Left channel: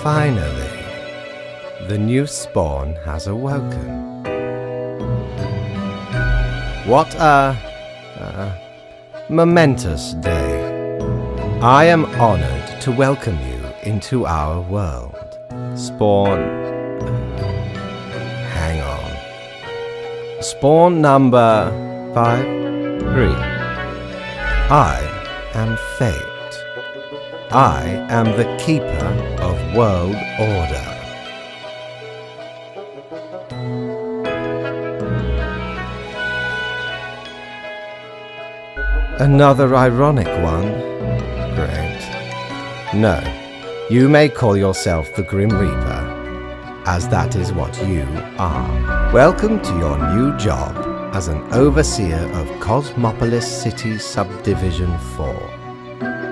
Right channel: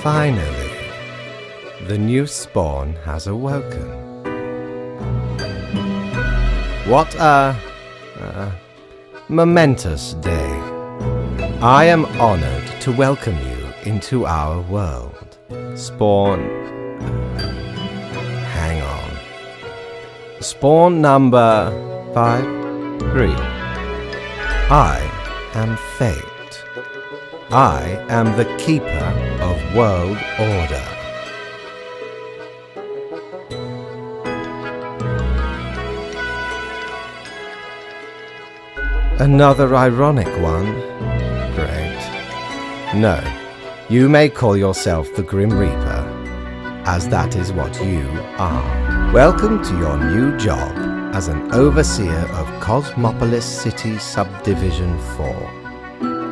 Finally, the new spawn has awoken. What a momentous day. I am honored to welcome you into our world. Spawn... hang on. Spawn number 5-3. I am Fate. I am the keeper of world order. Another ironic one? Great. No, you may call yourself the Grim Reaper, as that is what you are. Welcome to your new job as an overseer of Cosmopolis City Subdivision 4.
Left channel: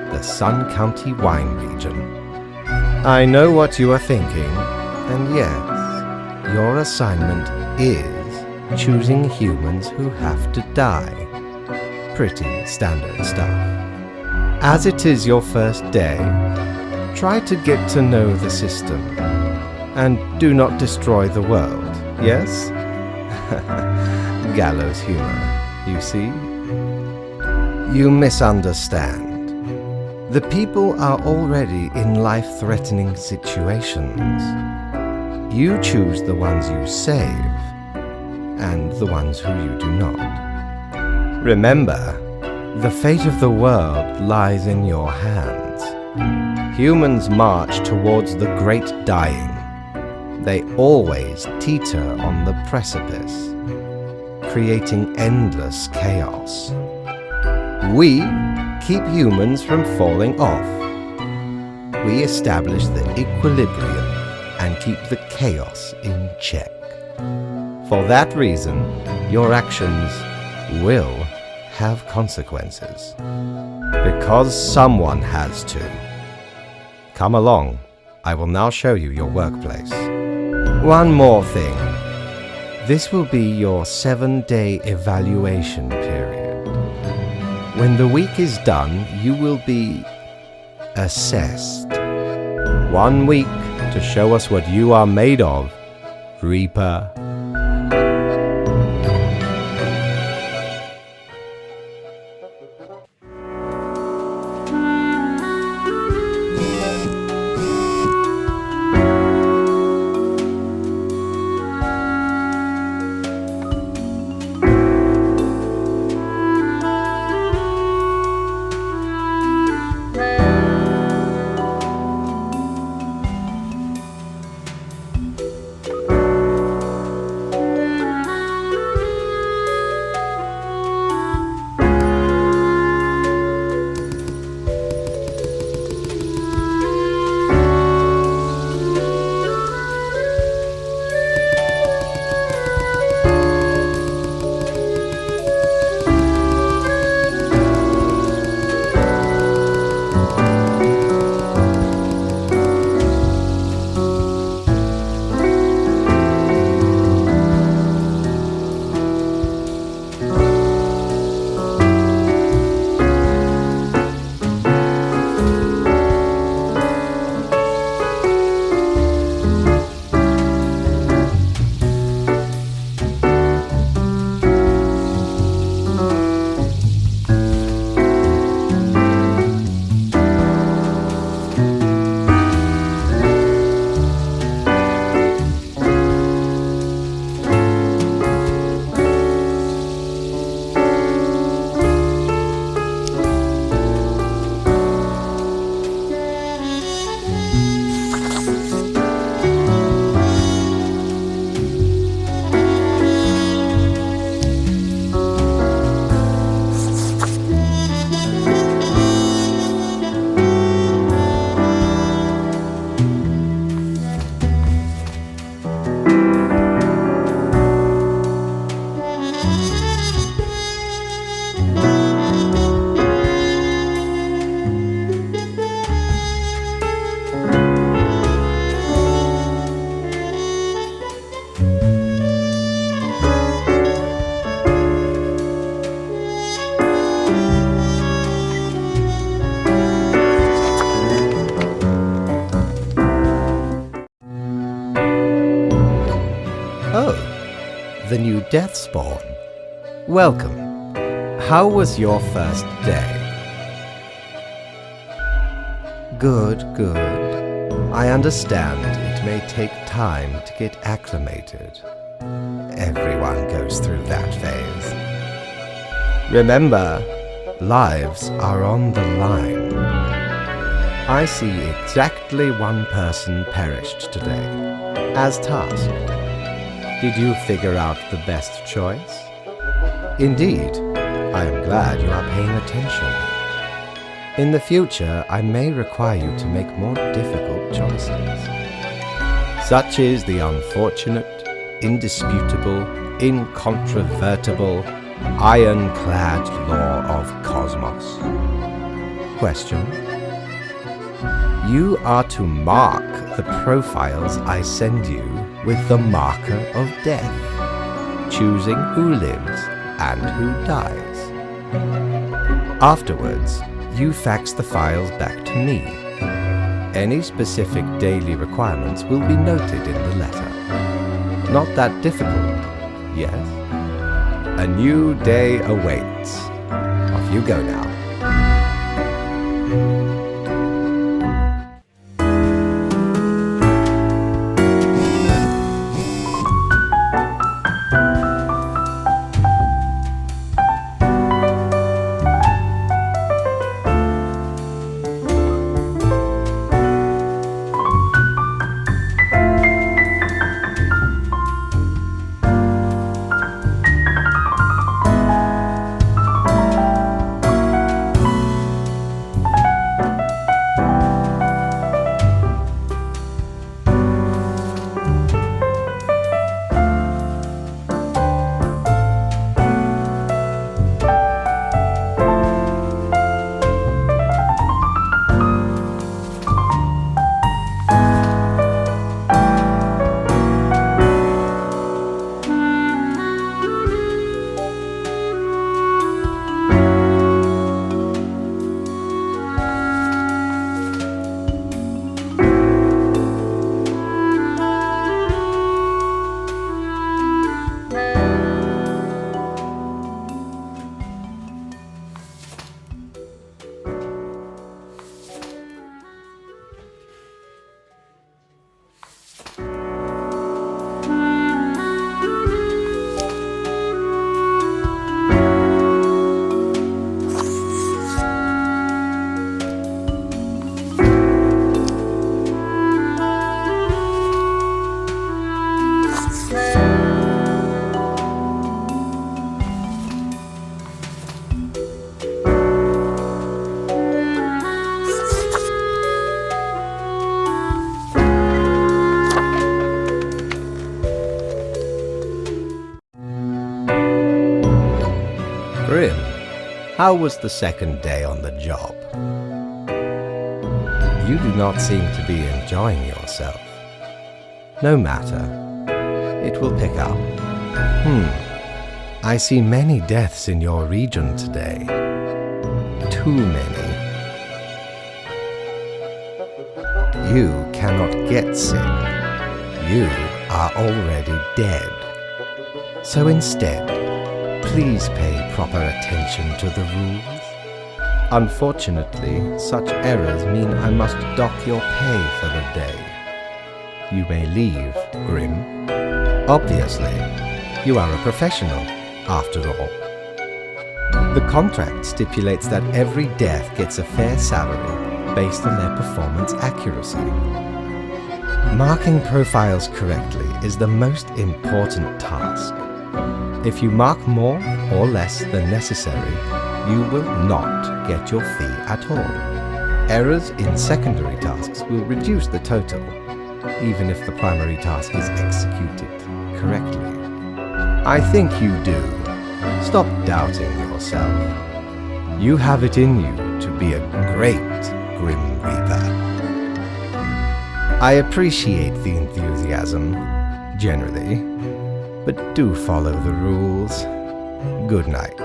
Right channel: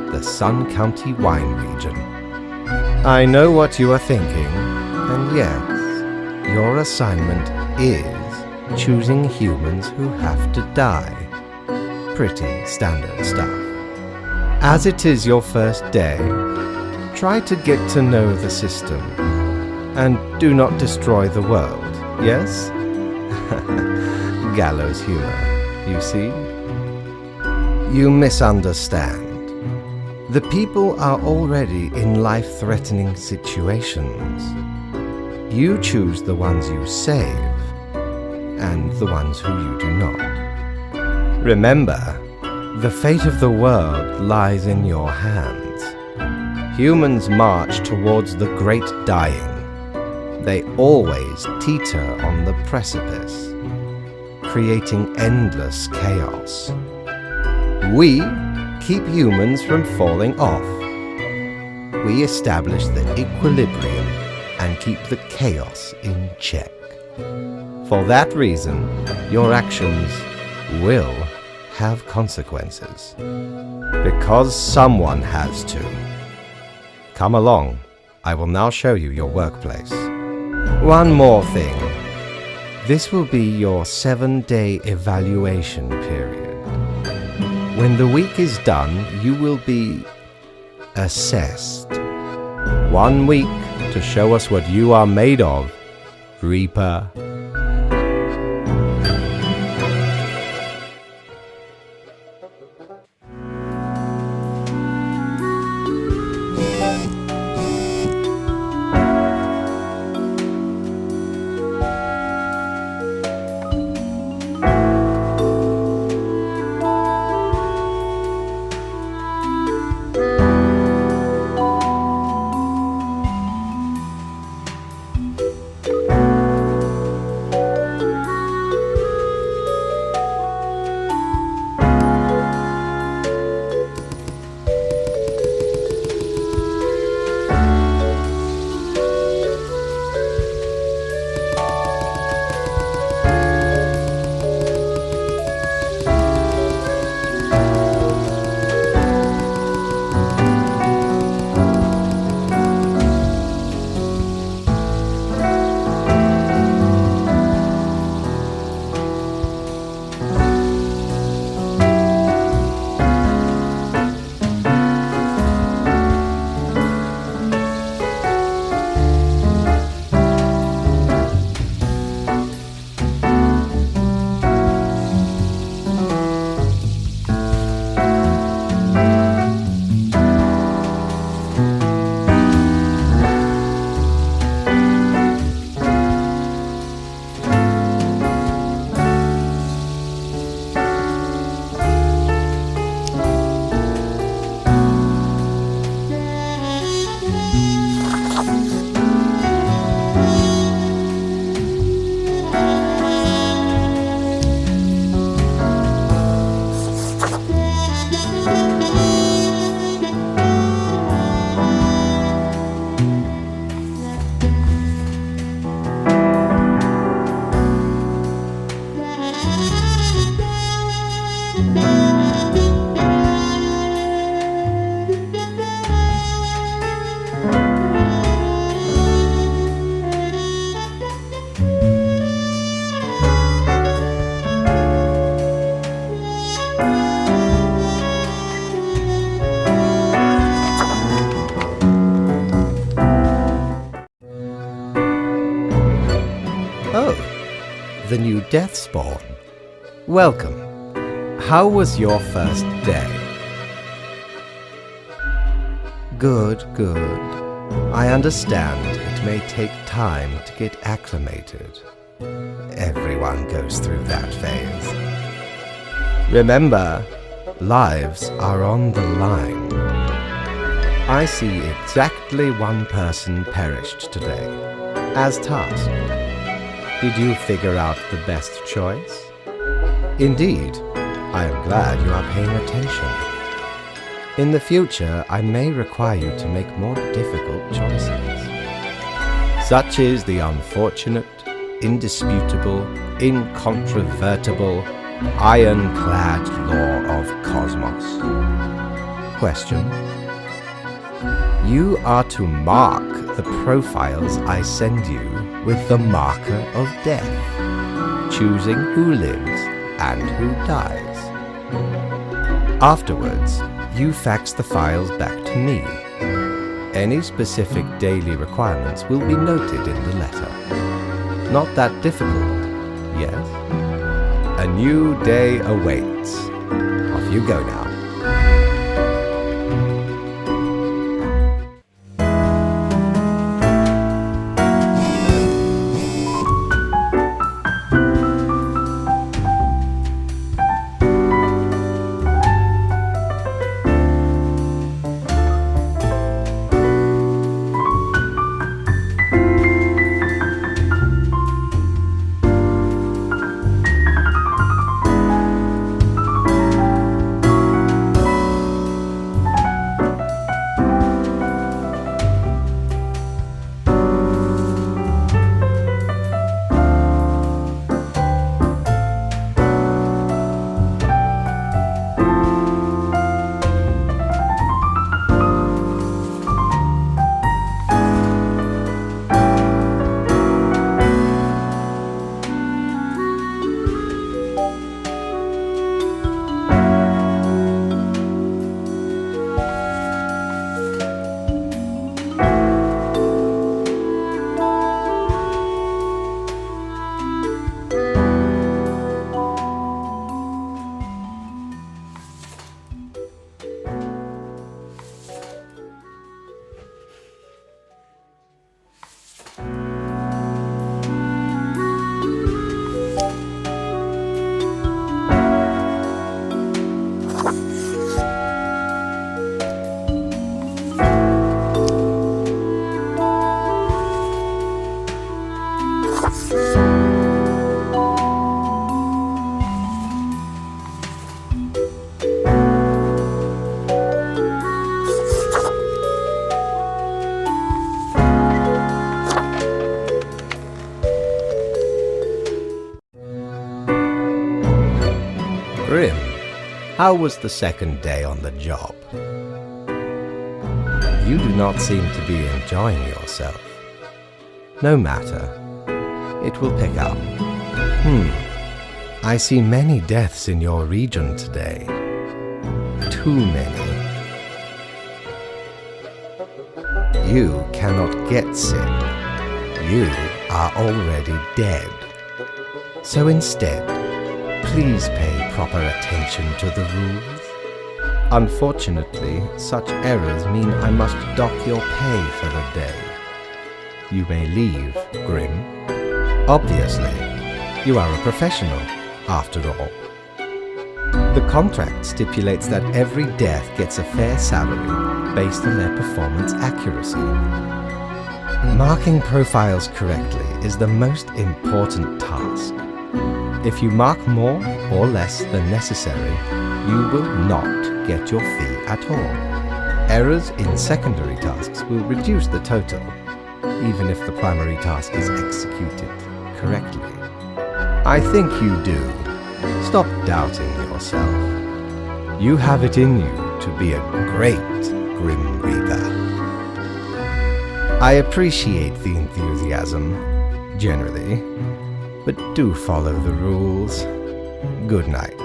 The Sun County Wine Region. I know what you are thinking, and yes, your assignment is choosing humans who have to die. Pretty standard stuff. As it is your first day, try to get to know the system, and do not destroy the world, yes? Gallows humor, you see? You misunderstand. The people are already in life-threatening situations. You choose the ones you save, and the ones who you do not. Remember, the fate of the world lies in your hands. Humans march towards the great dying. They always teeter on the precipice, creating endless chaos. We keep humans from falling off. We establish the equilibrium and keep the chaos in check. For that reason, your actions will have consequences. Because someone has to. Come along. I will now show you your workplace. One more thing. This will be your 7-day evaluation period. When the week is done, you will be assessed. 1 week to show us what you are made of, Reaper. the new death spawn. Welcome. How was your first day? Good, good. I understand it may take time to get acclimated. Everyone goes through that phase. Remember, lives are on the line. I see exactly one person perished today, as tasked. Did you figure out the best choice? Indeed, I am glad you are paying attention. In the future, I may require you to make more difficult choices. Such is the unfortunate, indisputable, incontrovertible, ironclad law of cosmos. Question. You are to mark the profiles I send you with the marker of death, choosing who lives and who dies. Afterwards, you fax the files back to me. Any specific daily requirements will be noted in the letter. Not that difficult, yes? A new day awaits. Off you go now. Grim, how was the second day on the job? You do not seem to be enjoying yourself. No matter. It will pick up. I see many deaths in your region today. Too many. You cannot get sick. You are already dead. So instead, please pay proper attention to the rules. Unfortunately, such errors mean I must dock your pay for the day. You may leave, Grim. Obviously, you are a professional, after all. The contract stipulates that every death gets a fair salary based on their performance accuracy. Marking profiles correctly is the most important task. If you mark more or less than necessary, you will not get your fee at all. Errors in secondary tasks will reduce the total, even if the primary task is executed correctly. I think you do. Stop doubting yourself. You have it in you to be a great Grim Reaper. I appreciate the enthusiasm, generally, but do follow the rules. Good night.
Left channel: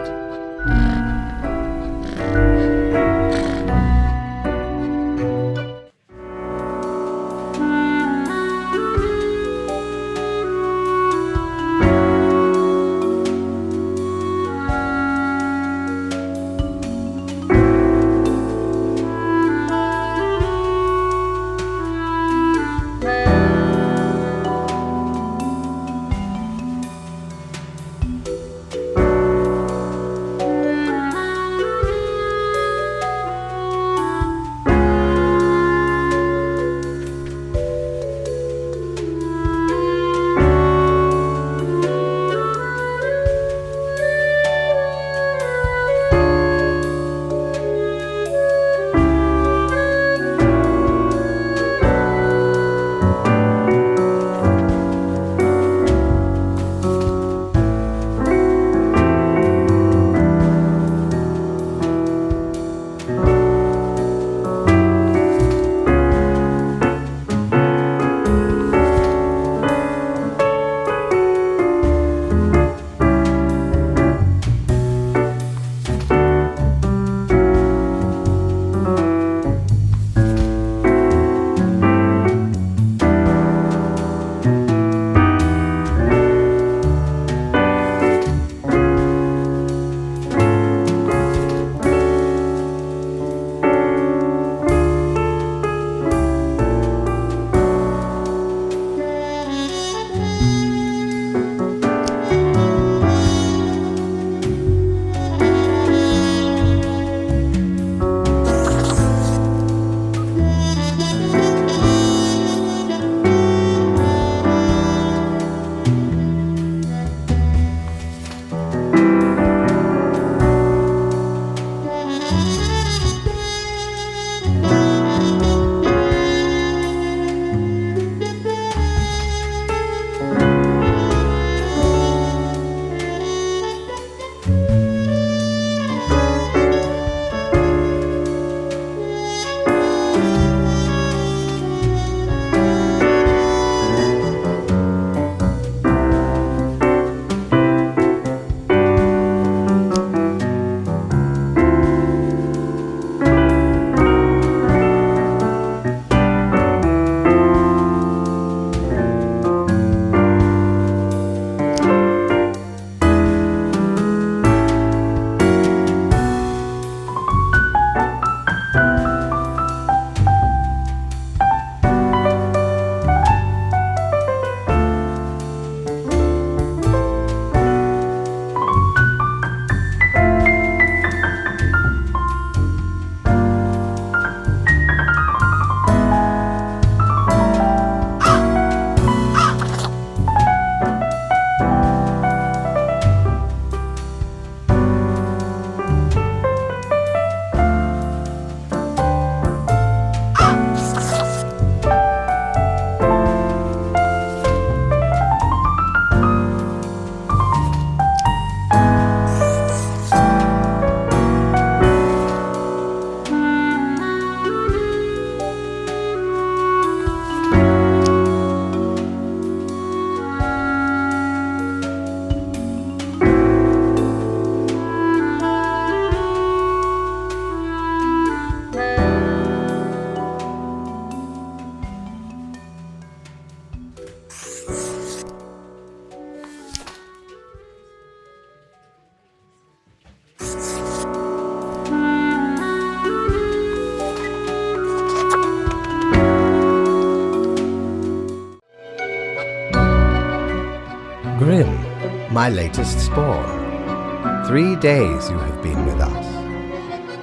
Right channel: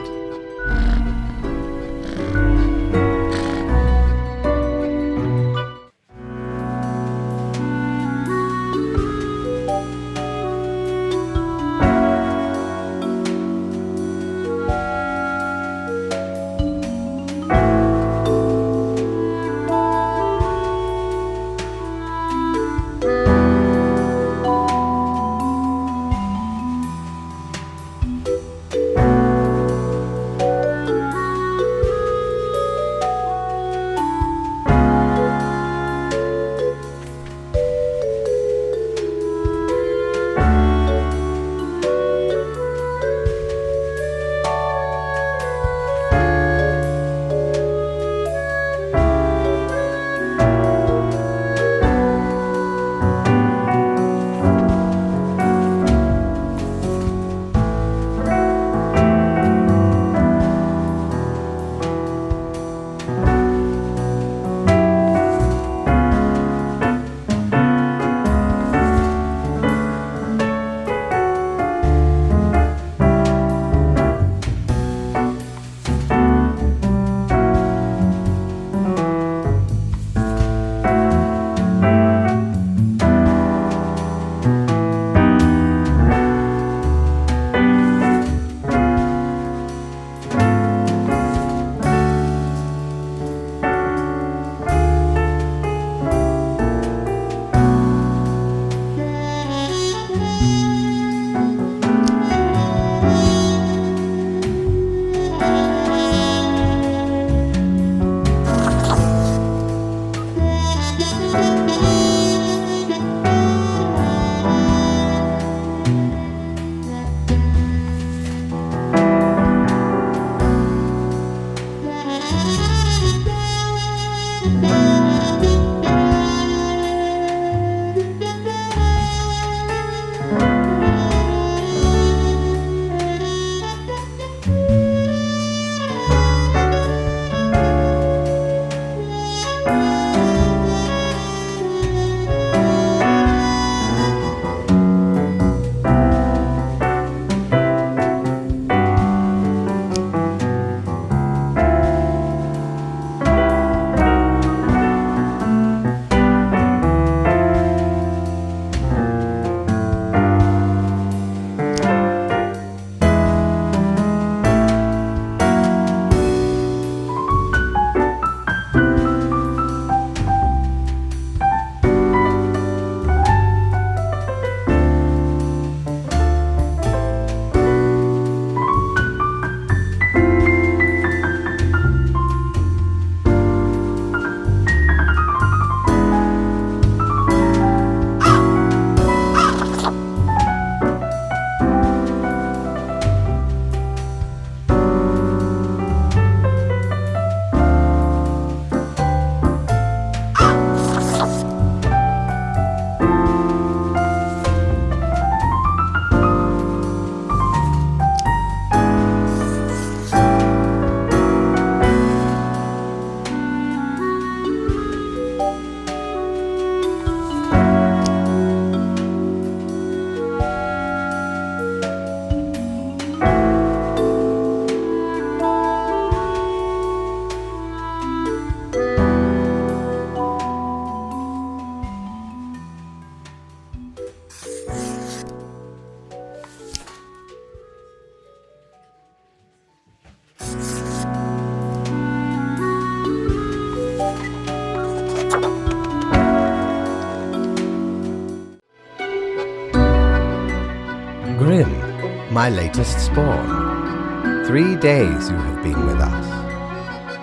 my latest spawn. 3 days you have been with us.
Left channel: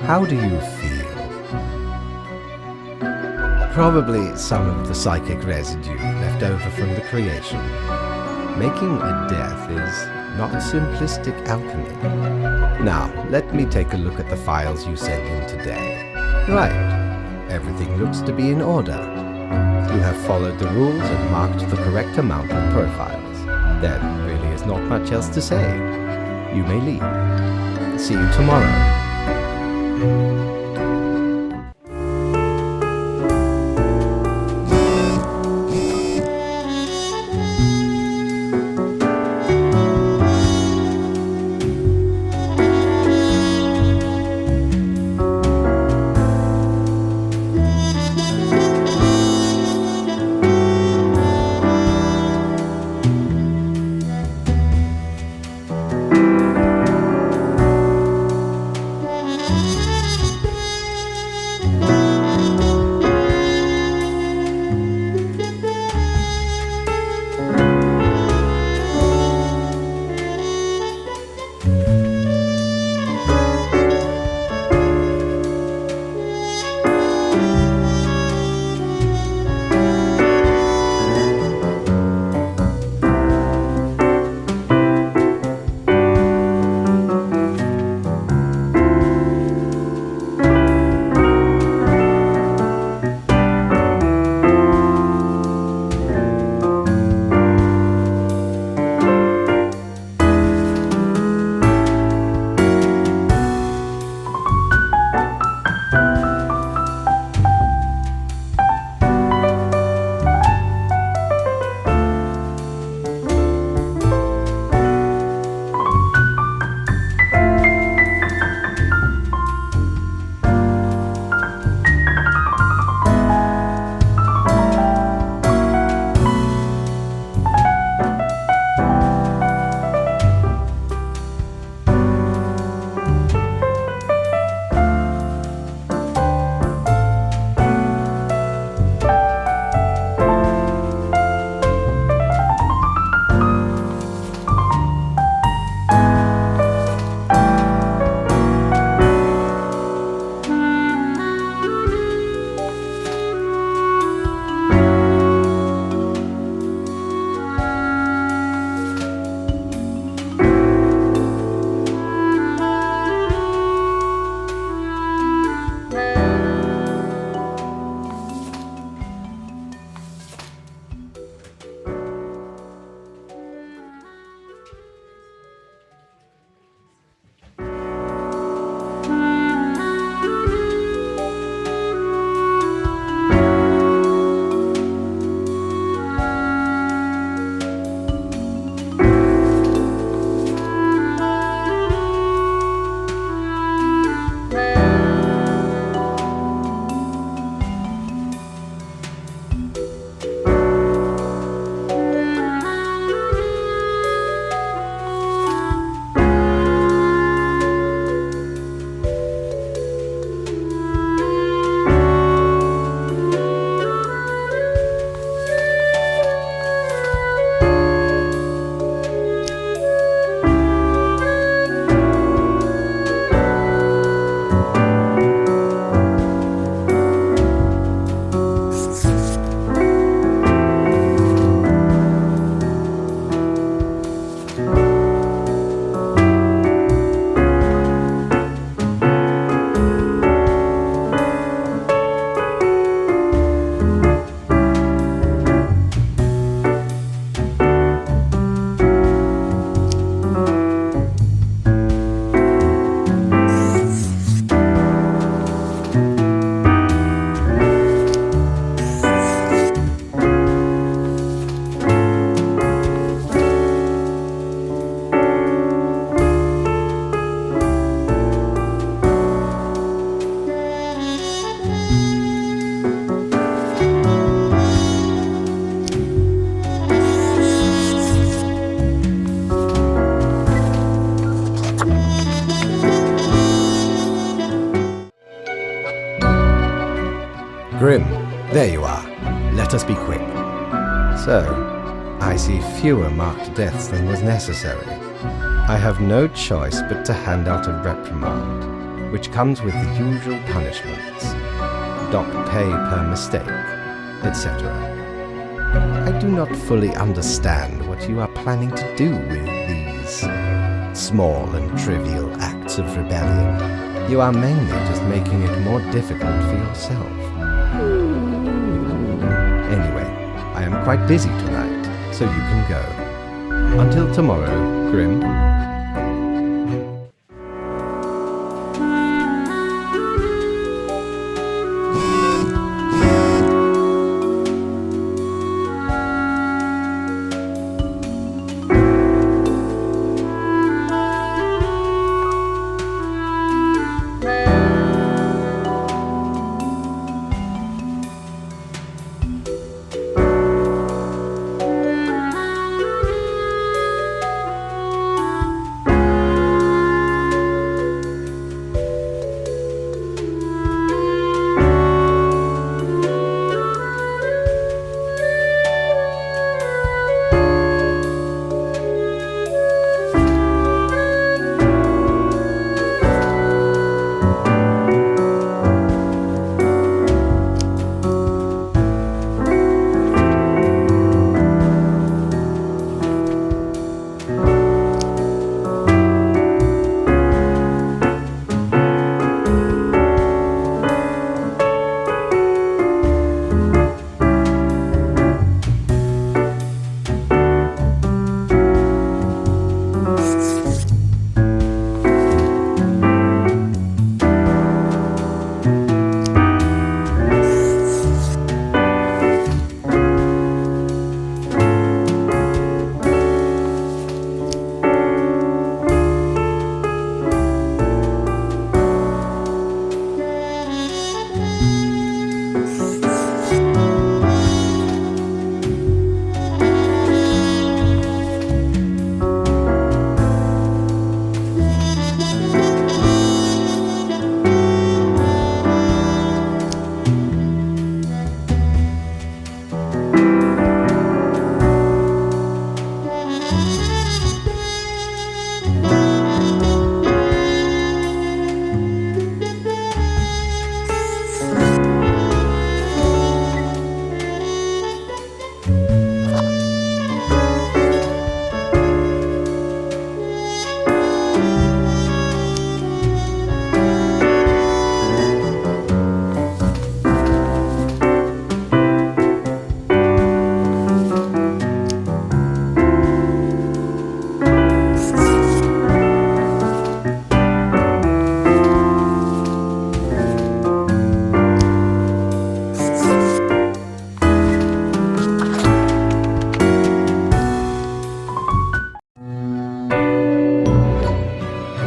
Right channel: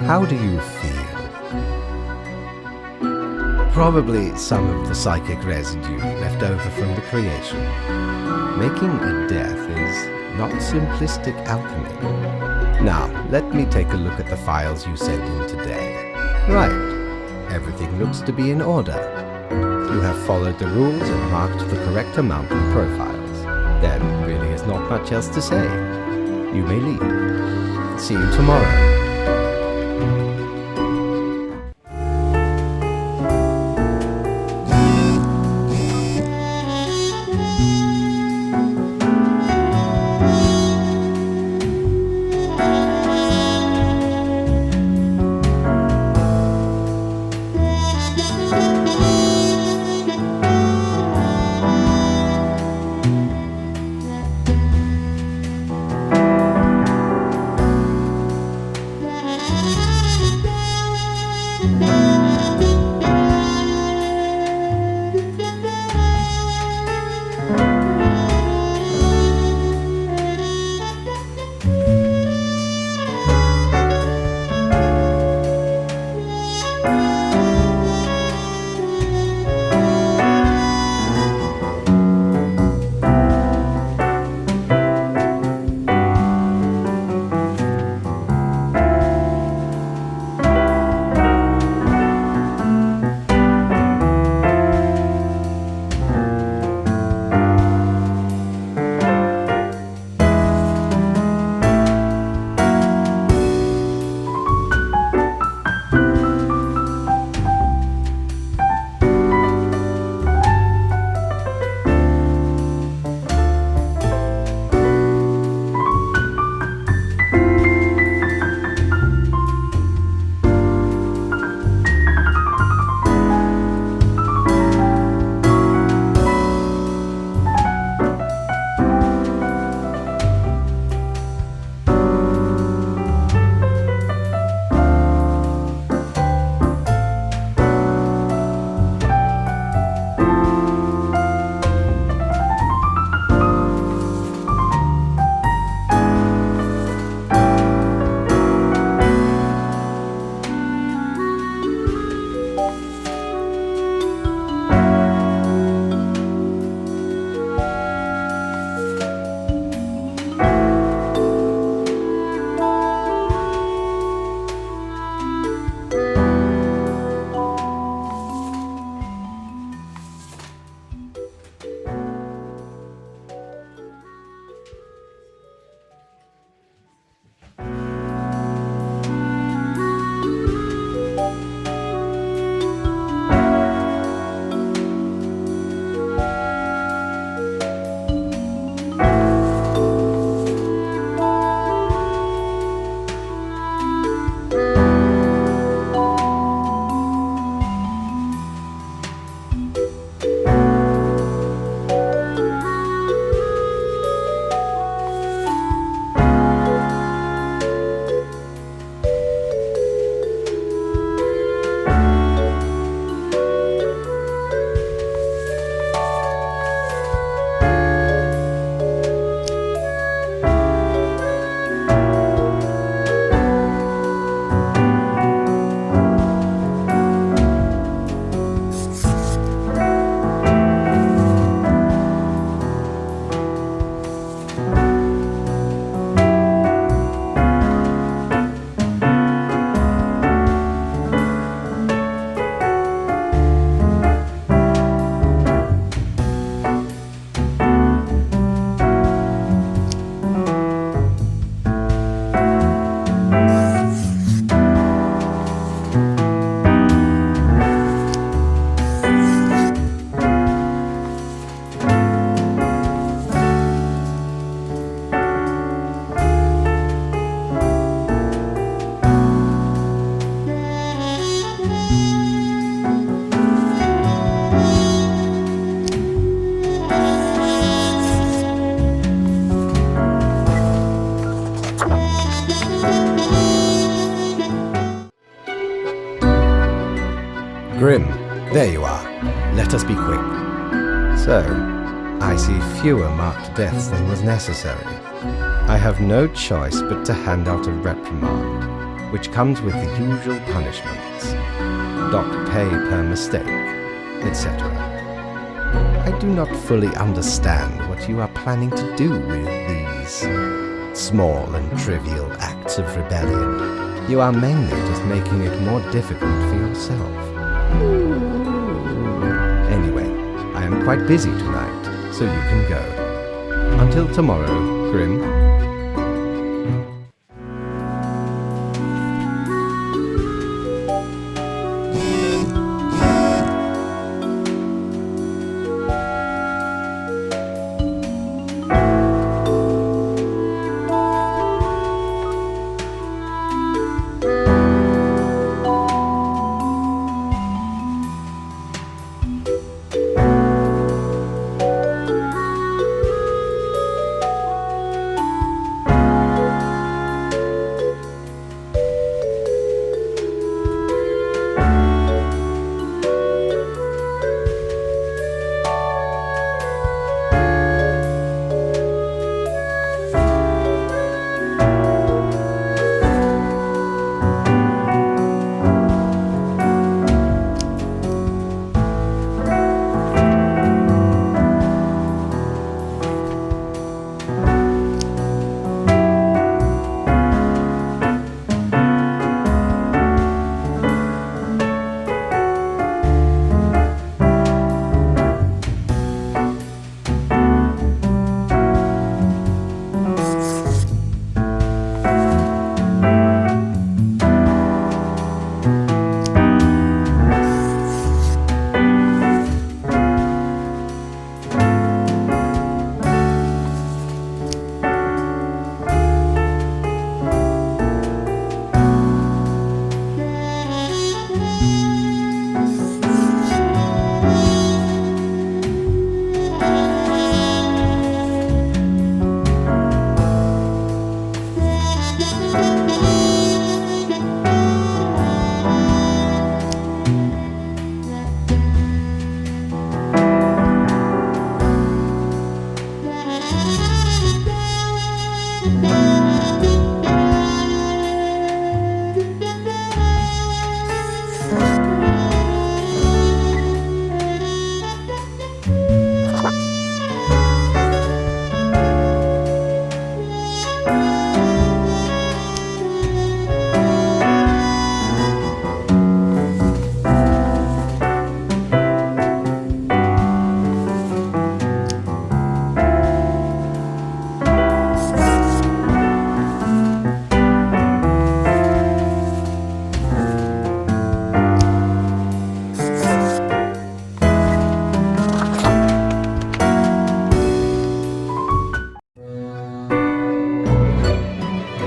How do you feel? Probably some of the psychic residue left over from the creation. Making a death is not simplistic alchemy. Now, let me take a look at the files you sent in today. Right. Everything looks to be in order. You have followed the rules and marked the correct amount of profiles. There really is not much else to say. You may leave. See you tomorrow. Grim, there you are. Let us be quick. So, I see fewer marked deaths than was necessary. I have no choice but to hand out a reprimand, which comes with the usual punishments. Dock pay per mistake, etc. I do not fully understand what you are planning to do with these small and trivial acts of rebellion. You are mainly just making it more difficult for yourself. Anyway, I am quite busy tonight, so you can go. Until tomorrow, Grim.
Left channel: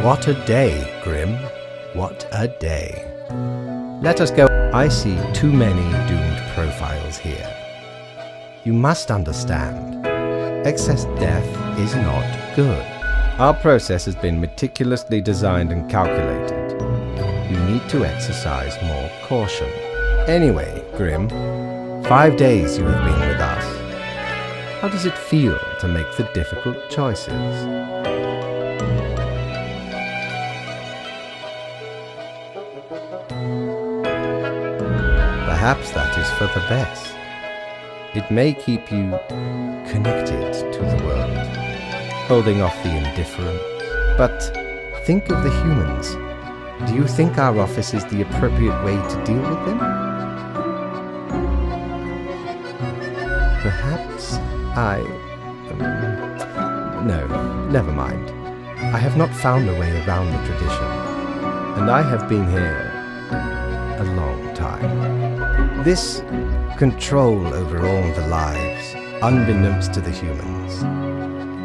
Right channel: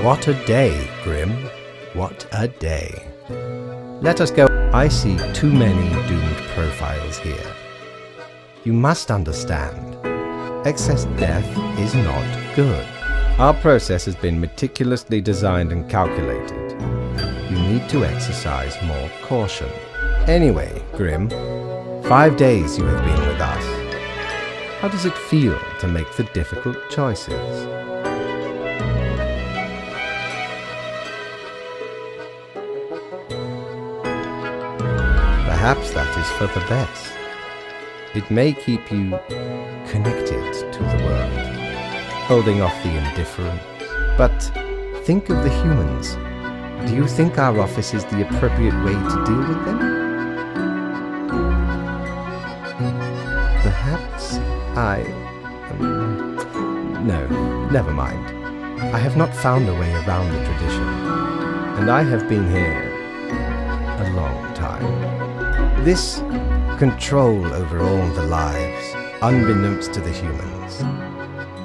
What a day, Grim. What a day. Let us go. I see too many doomed profiles here. You must understand, excess death is not good. Our process has been meticulously designed and calculated. You need to exercise more caution. Anyway, Grim, 5 days you have been with us. How does it feel to make the difficult choices? Perhaps that is for the best. It may keep you connected to the world, holding off the indifference. But think of the humans. Do you think our office is the appropriate way to deal with them? Perhaps no, never mind. I have not found a way around the tradition, and I have been here a long time. This control over all the lives, unbeknownst to the humans.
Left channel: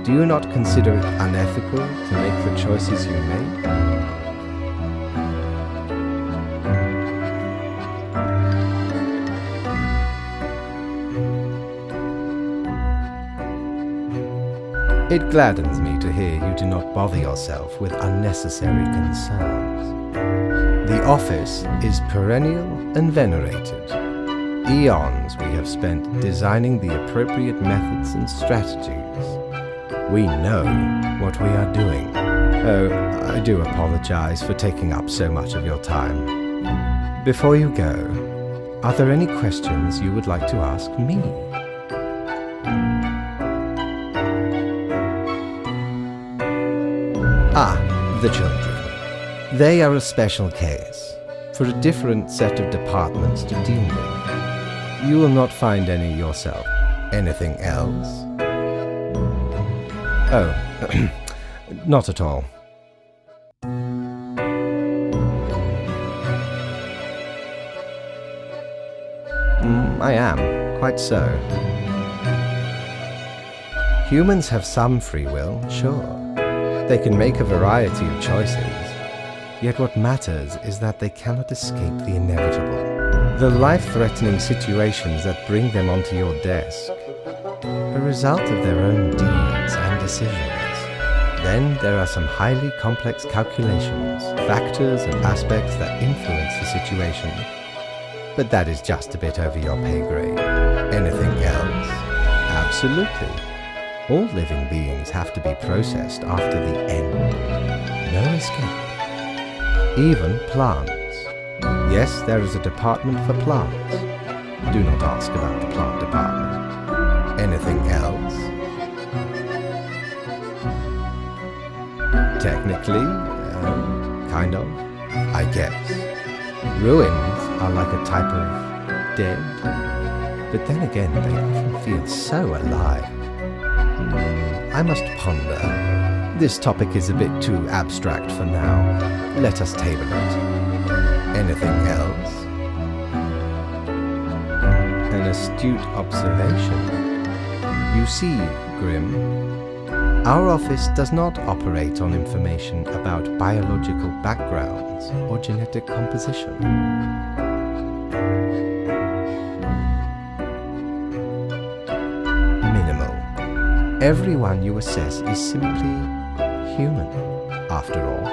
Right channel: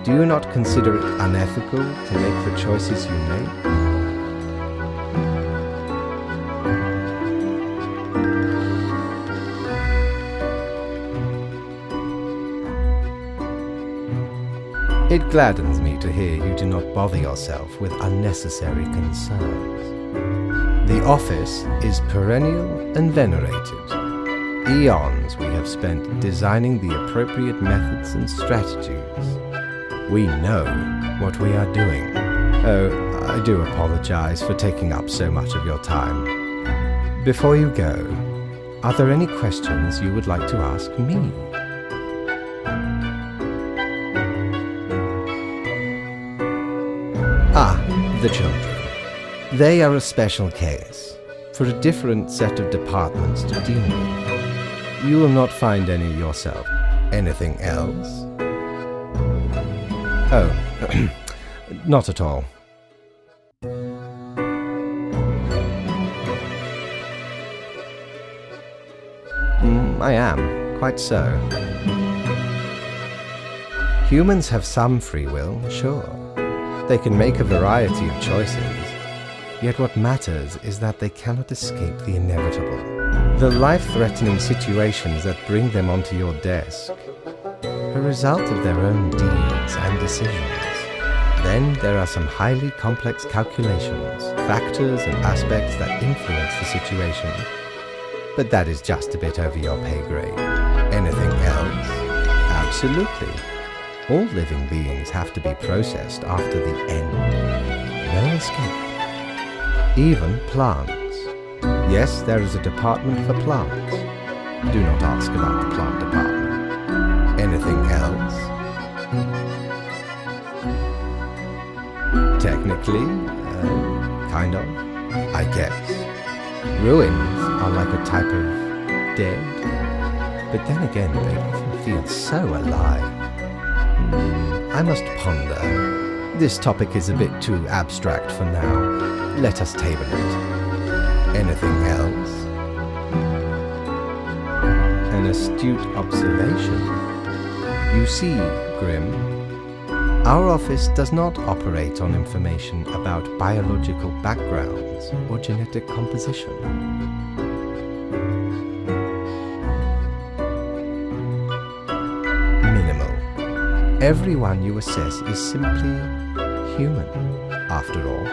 Do you not consider it unethical to make the choices you made? It gladdens me to hear you do not bother yourself with unnecessary concerns. The office is perennial and venerated. eons we have spent designing the appropriate methods and strategies. We know what we are doing. Oh, I do apologize for taking up so much of your time. Before you go, are there any questions you would like to ask me? Ah, the children. They are a special case, for a different set of departments to deal with. You will not find any yourself. Anything else? Oh, not at all. I am, quite so. Humans have some free will, sure. They can make a variety of choices. Yet what matters is that they cannot escape the inevitable. The life-threatening situations that bring them onto your desk are a result of their own deeds and decisions. Then there are some highly complex calculations, factors and aspects that influence the situation. But that is just a bit over your pay grade. Anything else? Absolutely. All living beings have to be processed after the end. No escape. Even plants. Yes, there is a department for plants. Do not ask about the plant department. Anything else? Technically, kind of, I guess. Ruins are like a type of dead, but then again they often feel so alive. I must ponder. This topic is a bit too abstract for now. Let us table it. Anything else? An astute observation. You see, Grimm, our office does not operate on information about biological backgrounds or genetic composition. Minimal. Everyone you assess is simply human, after all,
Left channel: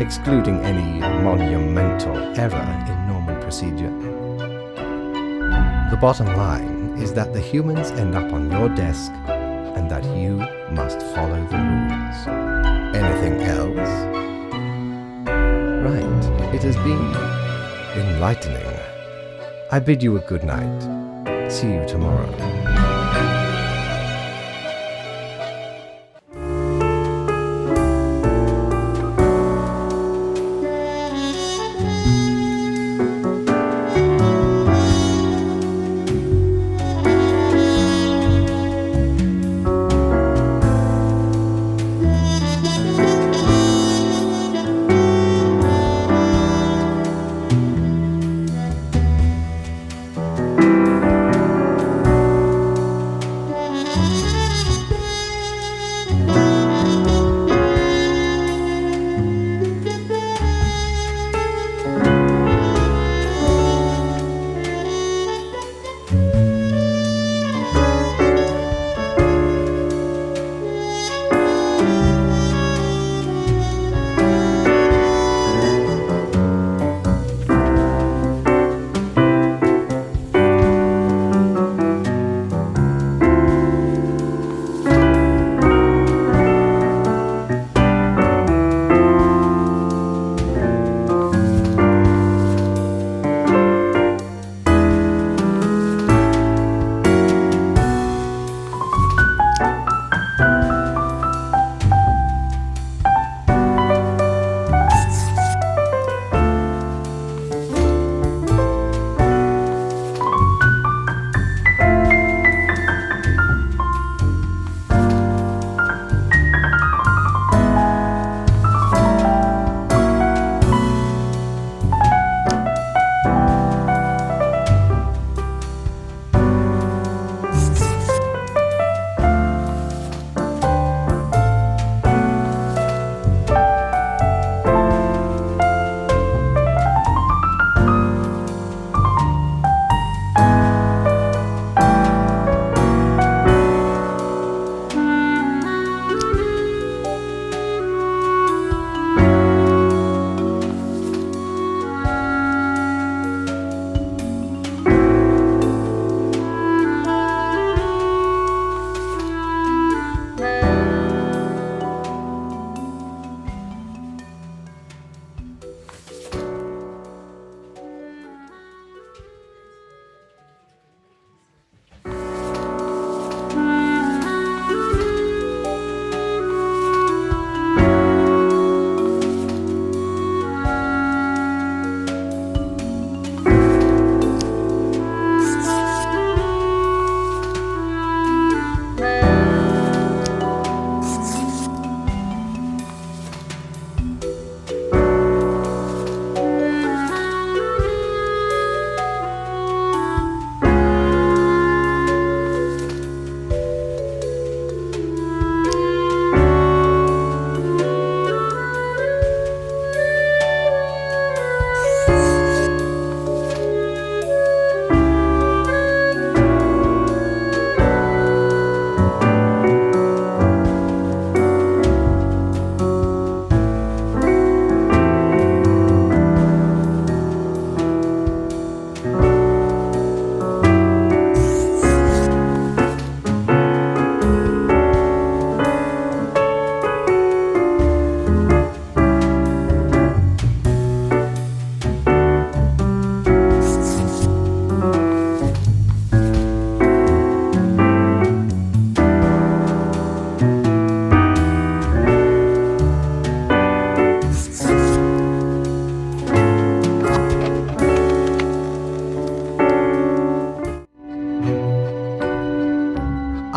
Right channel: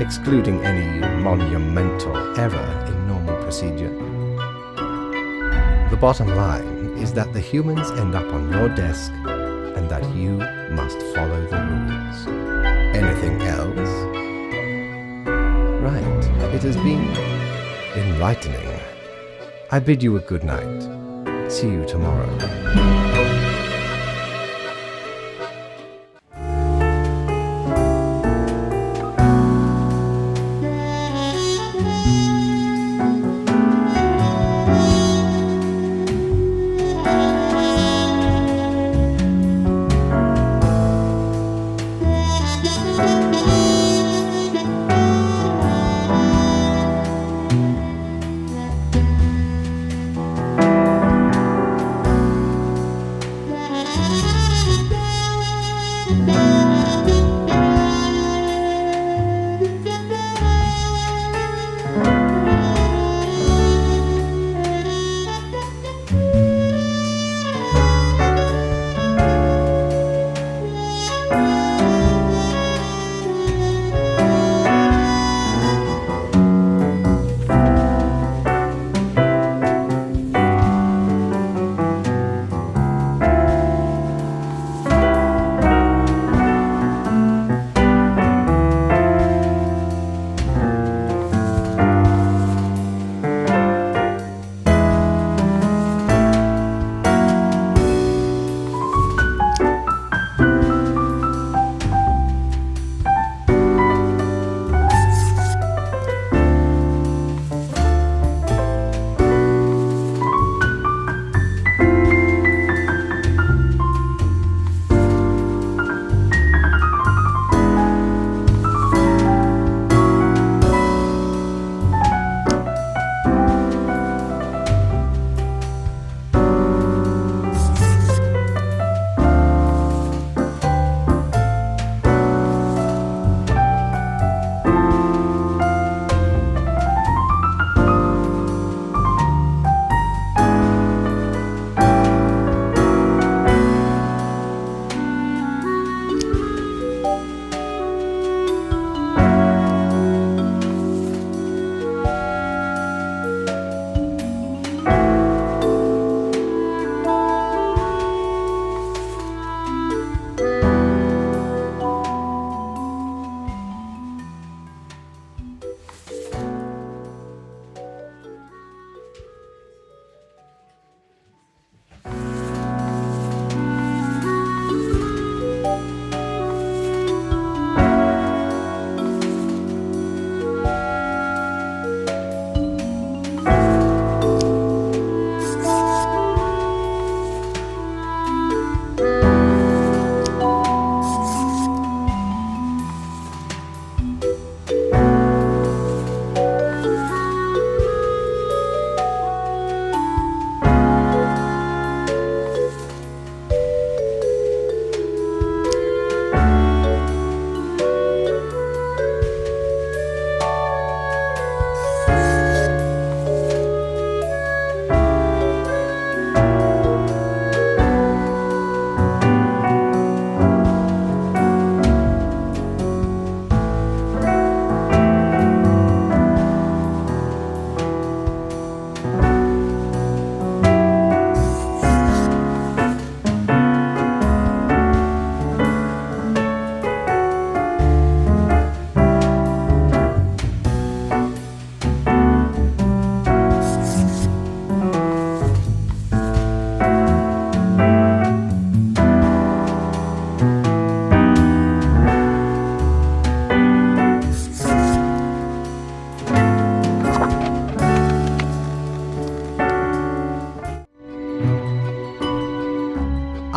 excluding any monumental error in normal procedure. The bottom line is that the humans end up on your desk and that you must follow the rules. Anything else? Right, it has been enlightening. I bid you a good night. See you tomorrow.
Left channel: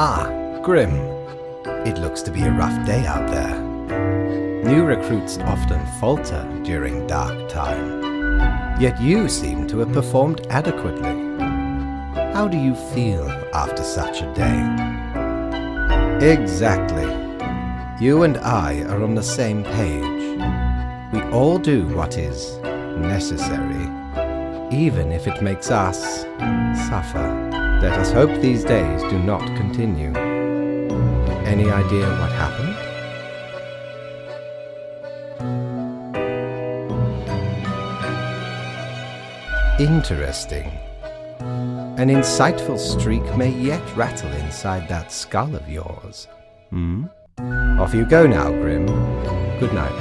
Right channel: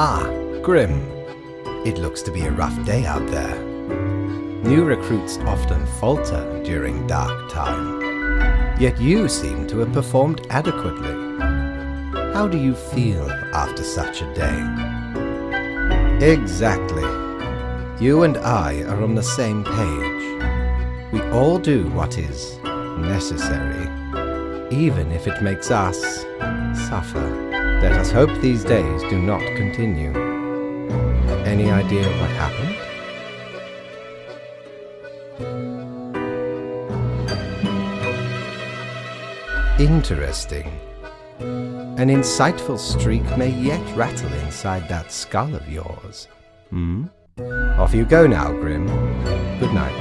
Ah, Grim. It looks to be a rough day out there. New recruits often falter during dark time. Yet you seem to have performed adequately. How do you feel after such a day? Exactly. You and I are on the same page. We all do what is necessary, even if it makes us suffer. Let us hope these days do not continue. Any idea what happened? Interesting. An insightful streak may yet rattle inside that skull of yours. Off you go now, Grim. Good night.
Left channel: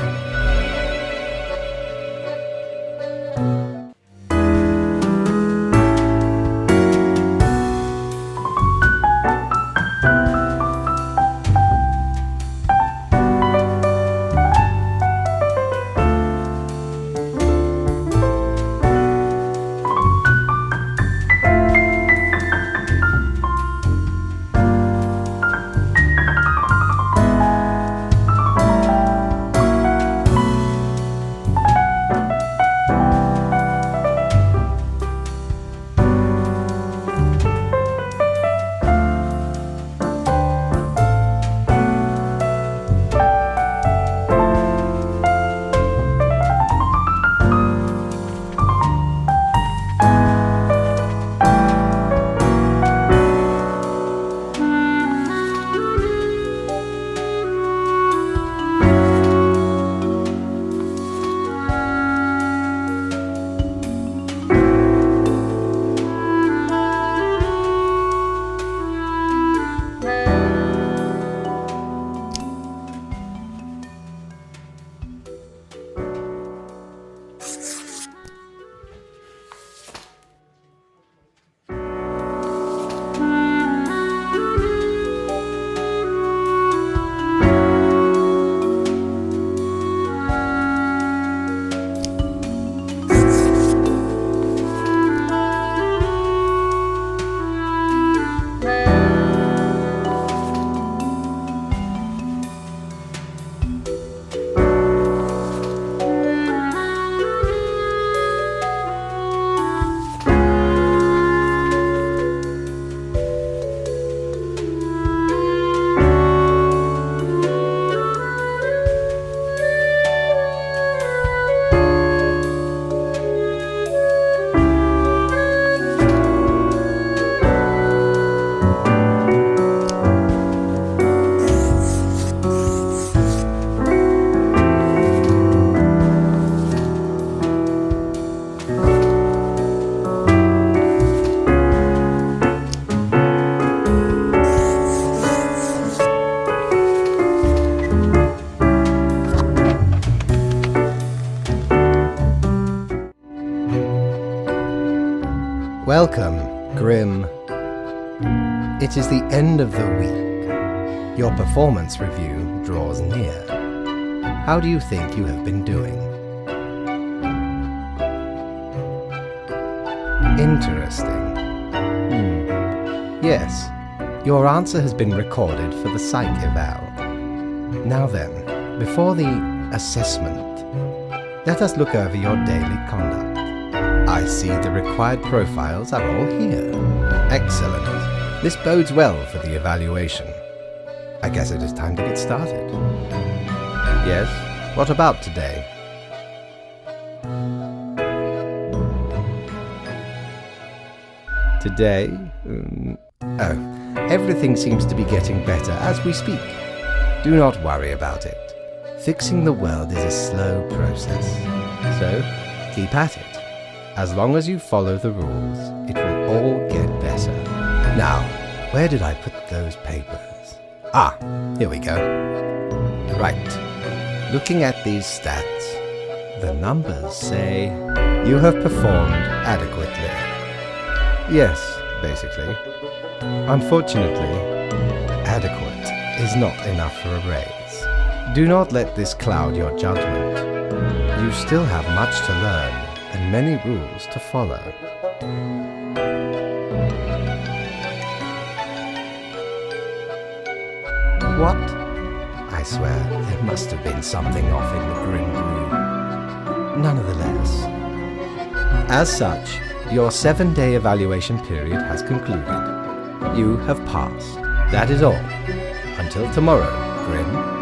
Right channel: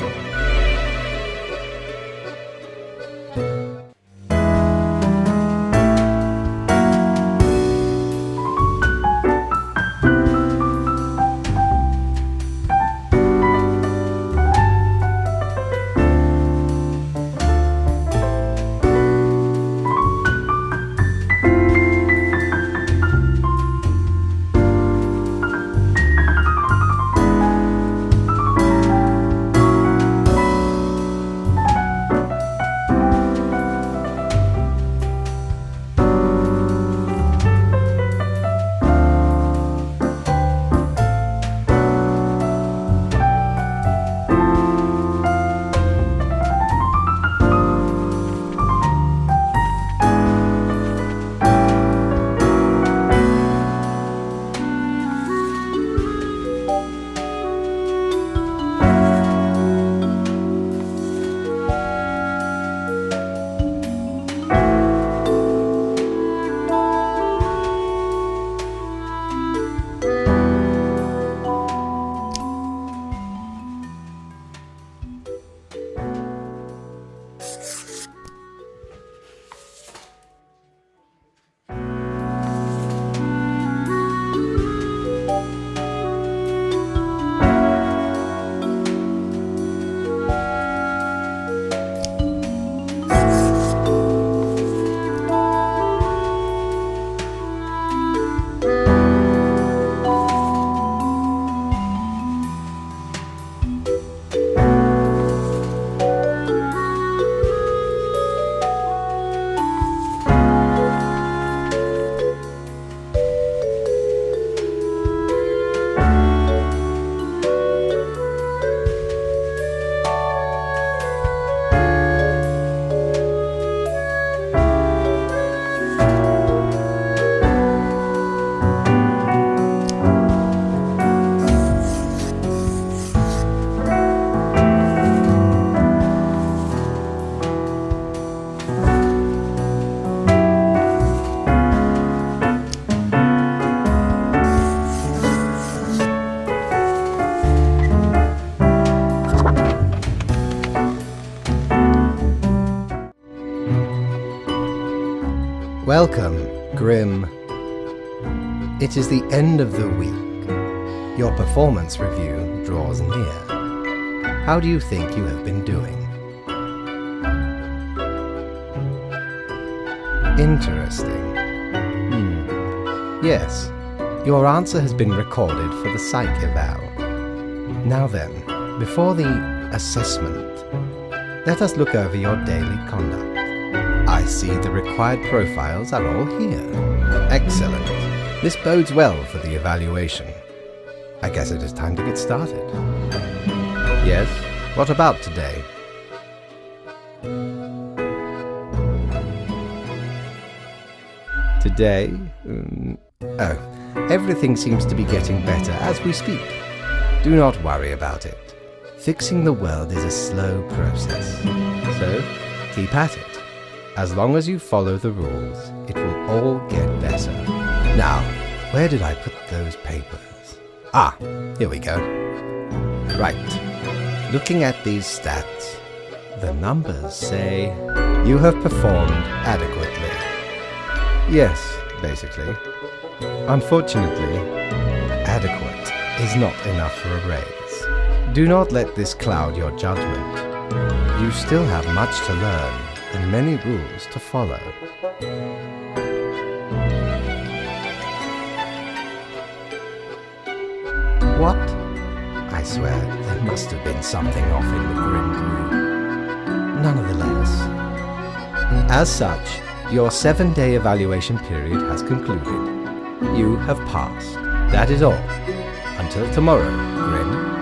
Welcome, Grim. It is the end of the week. Your performance review draws near. How do you think you have been doing? Interesting. Yes, your answer has been recorded for the psych eval. Now then, before the assessment, let us look over your daily conduct. I see the required profiles are all here. Excellent. This bodes well for the evaluation. I guess it is time to get started. Yes, what about today? Today? Everything seems to be getting better as we speak. Do not worry about it. Fixing the world is a slow process. So, keep at it. As long as you follow the rules, it will all get better. Now, where did I put those papers? Ah, here we go. Right. Looking at these stats, the numbers say you have performed adequately. Yes, basically. Unfortunately, adequate is not enough for a raise. Do not let this cloud your judgment. You still have much to learn and many rules to follow. What? I swear, there must have been something off in the grim brew. Nonetheless. As such, your 7-day evaluation period has concluded. You have passed. That is all. Until tomorrow, Grim.